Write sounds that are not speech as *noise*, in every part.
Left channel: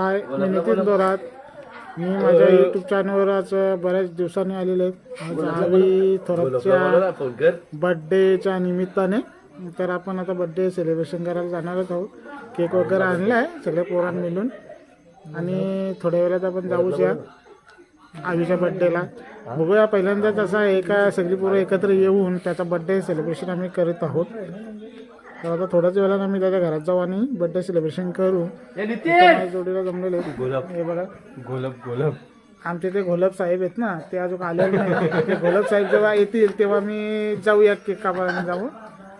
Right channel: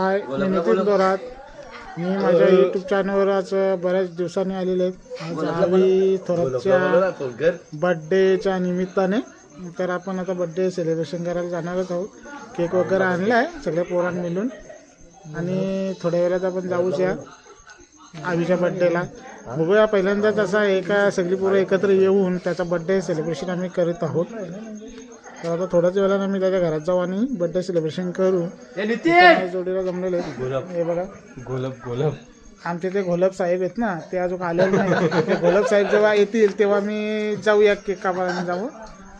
हाय मी नितीन दोरात मी माझ्या यूट्यूब चॅनलवर आज बऱ्याच दिवसांनी आलेले आहेत. आज आवी थोरातच्या बड्डेच्या निमित्ताने. तर आपण आता बड्डे सेलिब्रेशन करायला जाणारच आहोत. केक वगैरे आणला आहे सगळ्या पोरां मिळून. आणि थोड्या वेळात आपण जाऊच या. आवीच्या बड्डेला बघूया पहिल्यांदाच असा आहे का सगळी पोरं एकत्र येऊन त्याचा बड्डे सेलिब्रेशन आम्ही करत आहोत. तर आता थोड्याच वेळानं आम्ही त्याच्या घरात जाऊ आणि बड्डे सेलिब्रेशन करू. जोडीला जमलेले. हे बघा. गोलब गोलब आमचे ते घोलप साहेब आहेत ना ते अजून आलेले नाही. ते घोलप साहेब जेव्हा येतील तेव्हा मी जाऊया केक कापायला जाऊ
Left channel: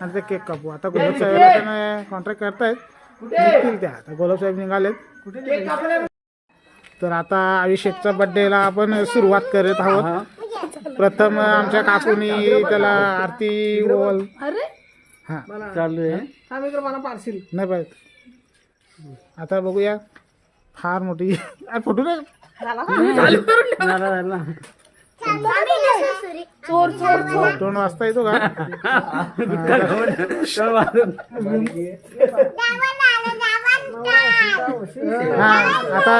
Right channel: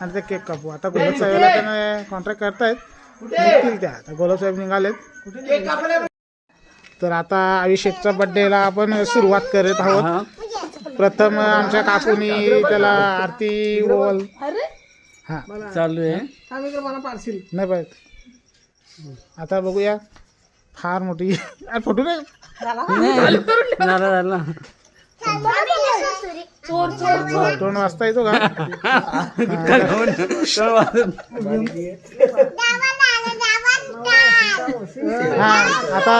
आणि ते केक कापू. आता घोलप साहेबाला त्यांना कॉन्ट्रॅक्ट करतायत. निघतील त्या. आता घोलप साहेब निघालेत. तर आता अभिषेकच्या बड्डेला आपण सुरुवात करत आहोत. प्रथम आमच्या काकूनी त्याला आरती ओवल हा. चालू आहे. नाही पाहिजे आता बघूया. फार मोठी. अरे फोटो नाही. झालं झालं दोन वाजता येतो का? हा आता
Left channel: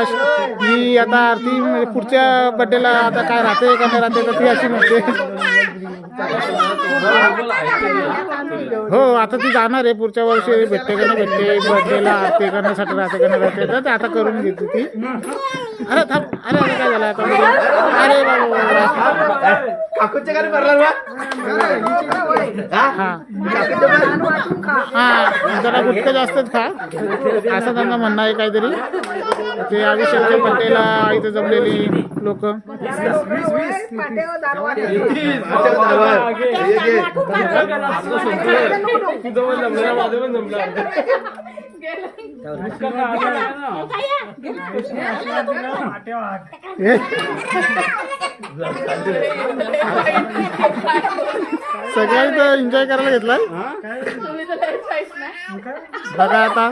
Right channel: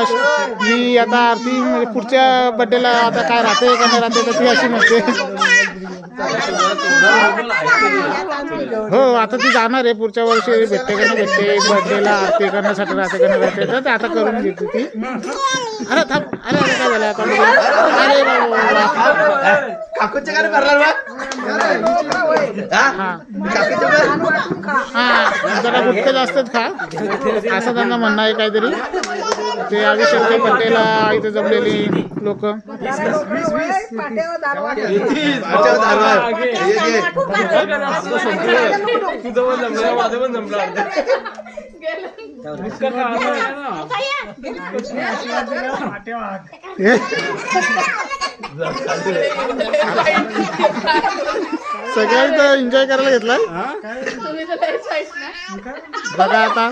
ही आता आरती म्हणजे पुढच्या बड्डेला आता काय राहते का नाही राहते तर ती अशी म्हणते. हो आता ती जाणार आहे. पुढच्या वर्षी भेटते का नाही भेटते बर्थडेला आरती करण्यासाठी राहते का नाही राहते तर ते आता करून घेते ती. अरे थांब अरे अरे काय झालं आता. अरे बाबा हा? हा. जरा गुटखं जास्तच खा. असं त्यांना म्हणणं आहे काहीतरी. ते अभिषेकच्या पट्टेला इथे जमलेली लोक तुझं पण जमलं माझं पण जमलं सगळ्या इथं एन्जॉय करायला घेतलाय? बघा आता.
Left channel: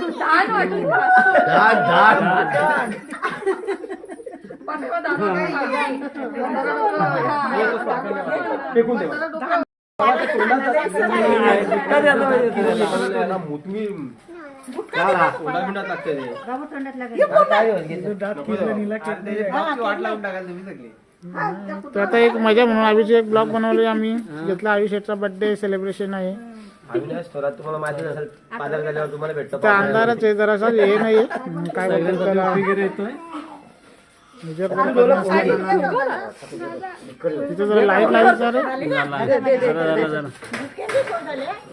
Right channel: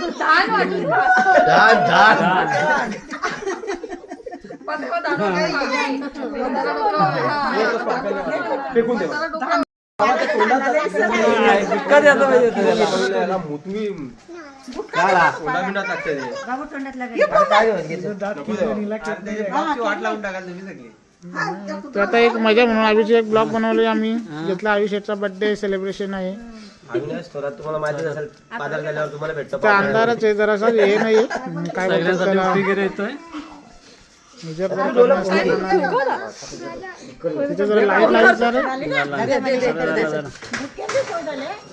तर आता एक मजा म्हणून एक ब्लॉग बनवले आम्ही. घेतला आयुष्याचा बर्थडे सेलिब्रेशन आहे. अविनाश थोरात तुम्हाला माहिती असेल बाजार गेल्यावर तुम्हाला भेटतो तर अंधारच आहे जरासा हे नाही काय बोलतात त्याला? जरा कमी असल्यानं तिथे जरा लाइट लावायचं रे.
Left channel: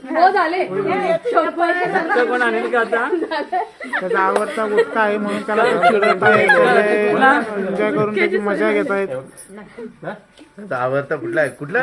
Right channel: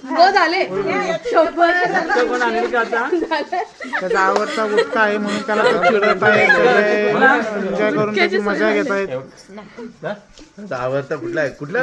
हो झाले. त्याचा आवडता गुटखा आहे म्हणून त्याला तो *laughs* चिडत आहे. सगळे एन्जॉय करून त्याची मजा घेत आहेत आवडता कुठला आहे? कुठला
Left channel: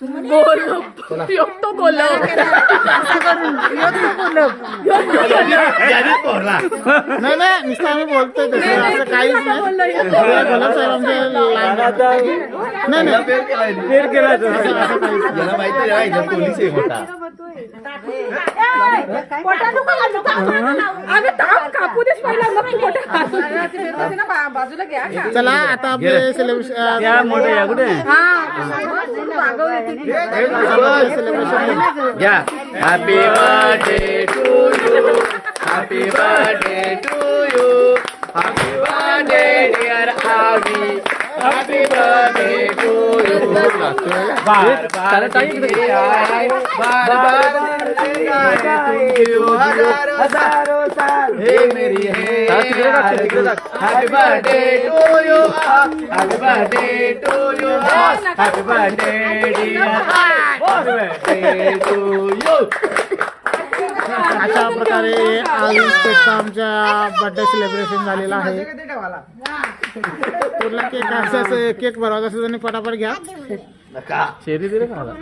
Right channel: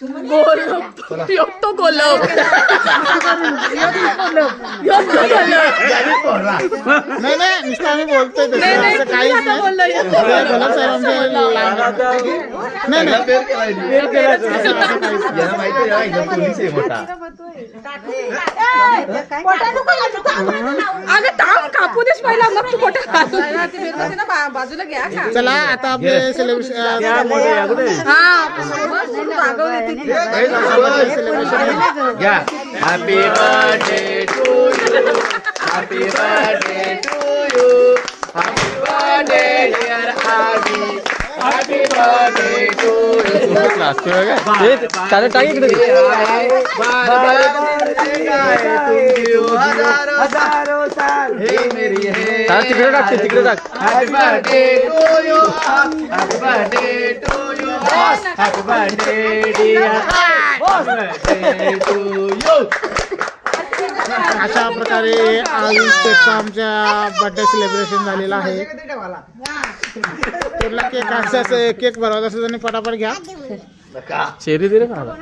हे नाही नाही नुसतं आम्ही बोलतोय तसं असं काहीच नाही ते गोलब साहेब आमचे लांब नाही नाही असं असं काहीच नाही याला माहिती आहे याला इथं पोलीस आहे मोठा अगं थांब, कापू देस पहिला चला आता आपले सेलिब्रेशन सेलिब्रेशन घ्या happy birthday to you happy birthday to you happy birthday dear Aavi happy birthday तिकडे टाक ते तिकडे टाक happy birthday to you happy birthday to you happy birthday dear happy birthday to you अशा प्रकारे आयुष्याचा आमच्या बर्थडे सेलिब्रेशन झालेला आहे. कुठला केक असाच केक बनवायचा असेल आणि पटापट घ्या. चेरी दे रे मला.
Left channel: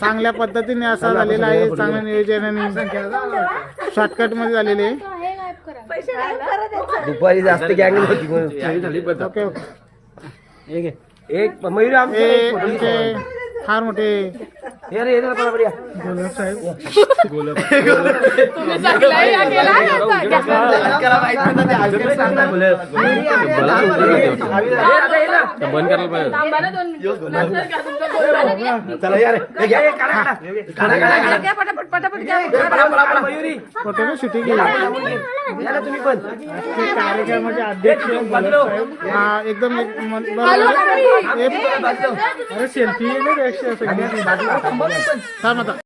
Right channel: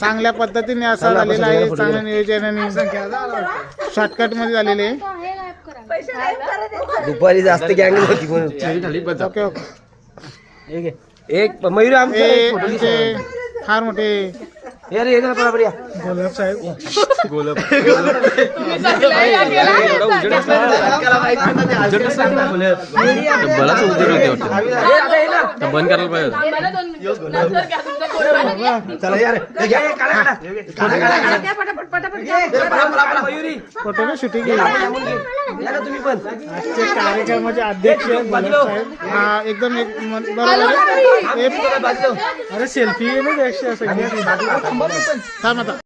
चांगल्या पद्धतीने असा झालेला आहे. चांगल्या नियोजनाने शॉर्टकटमध्ये झालेले दुपारी जास्त गँग ओके ओके एक एक मयूर हे आमचे फार मोठे ये रे, ये रे, बरोबर या. गोलप साहेब तिकडे हे हे पळा, पळा, मयुरी. फोटो ना शूटिंग तुम्ही पण कार्यक्रमाचे अध्यक्ष. हा एकदम एक बरोबर. हे. अरे सेल्फी थांब आता